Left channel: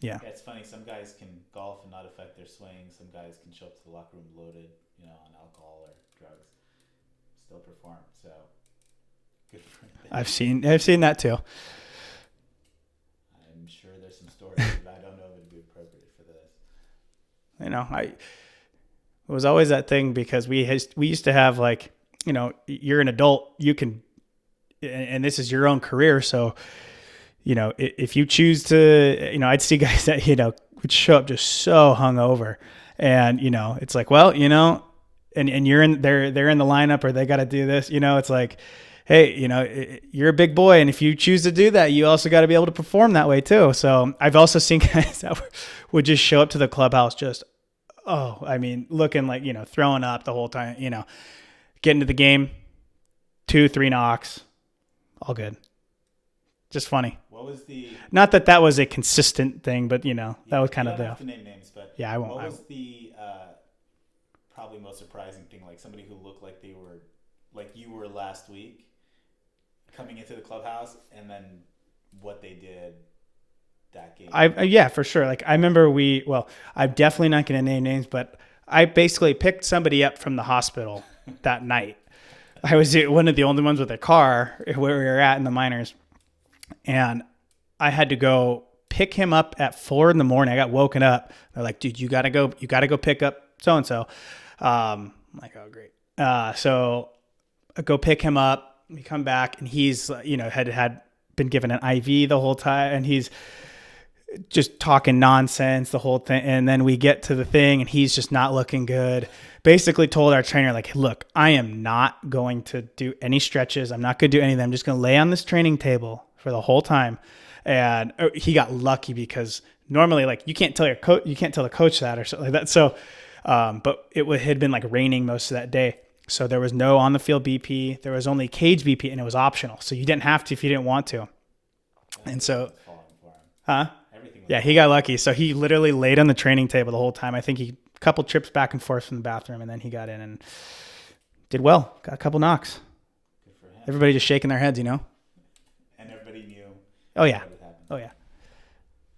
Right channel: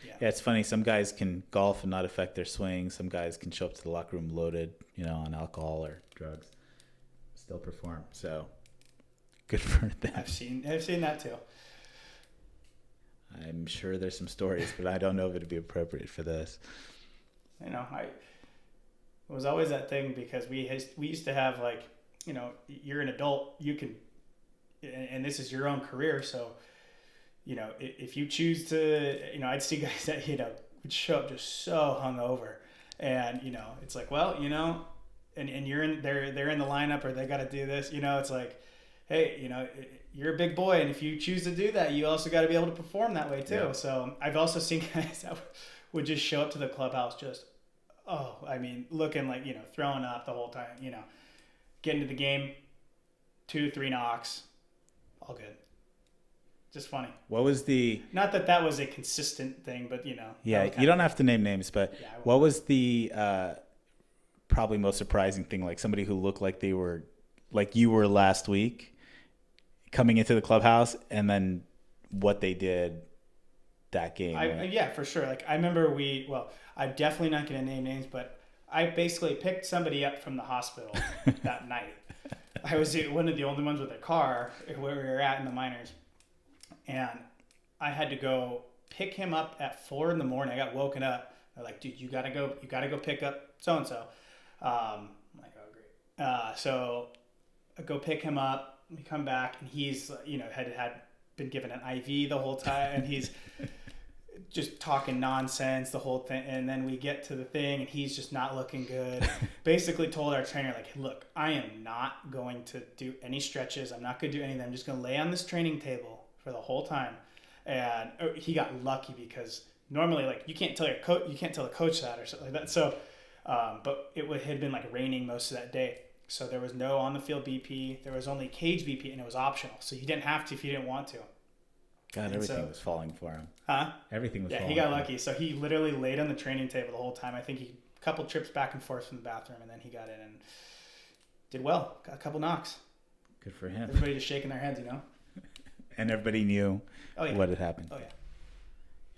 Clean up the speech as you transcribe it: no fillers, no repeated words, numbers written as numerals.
Yeah. Yeah, it's funny. Some guys can golf and not affect their swing. Some guys can show up to the locker room loaded, on alcohol or drugs, still perform. So good for them. I've seen that too. I'm sure there's some stories, but I don't know if it'd be appropriate for this. It was always that thing because we used to have like, you're an adult, you can, and this is your own career. So, if you choose to, I'd see guys that, would show up just so hungover, and, it's like, well, and they're in the lineup or they got to do this, it's like, hey, you're a big boy. And if you choose to do that, you also got to be able to perform that way too. So I've also seen guys that would just show up to the clubhouse just, looking like, throwing up the whole time, get into the game, 2-3 knocks, all good. Just funny. What was not that was a consistent thing, but that was kind you of don't have to name names, but yeah, I won't. What was the probably most surprising thing? Like somebody who looked like they were like you were last week coming into the clubhouse, and then what they did that game. Yeah, for sure. Like I remember I'm definitely not going to name names, but I basically picked somebody up from the hospital that night. I was one of the only ones with a car where we were at in the minors. And I had to go pick him up at 4 a.m. I got woken up. They're like, dude, you gotta go pick up so-and-so. I'm like, oh, great. So I go pick him up. We come back and he's, had been given an IV the whole time. And he's just talking nonsense the whole thing. And then we get to the thing and he's just not looking good. Basically told our trainer, like, look, I am not going to do any stretches. I'm not going to do anything. I'm just going to lay on this training table for the whole time. And he got lucky because normally, like, you can't tell the coach that or something like that. So, but it had been like raining most of that day. So there was no on the field BP. There was only cage BP and it was optional. So you didn't have to if you didn't want to. God, and so was falling for him. Huh? Everything was yeah, he got lucky. So he literally laid on the training table the whole time. I think he a couple trips back and forth from the bathroom, and then he got in and did well. Got a couple knocks. Good for him. Everybody just shaking their heads, And everybody knew what had happened. Oh, yeah.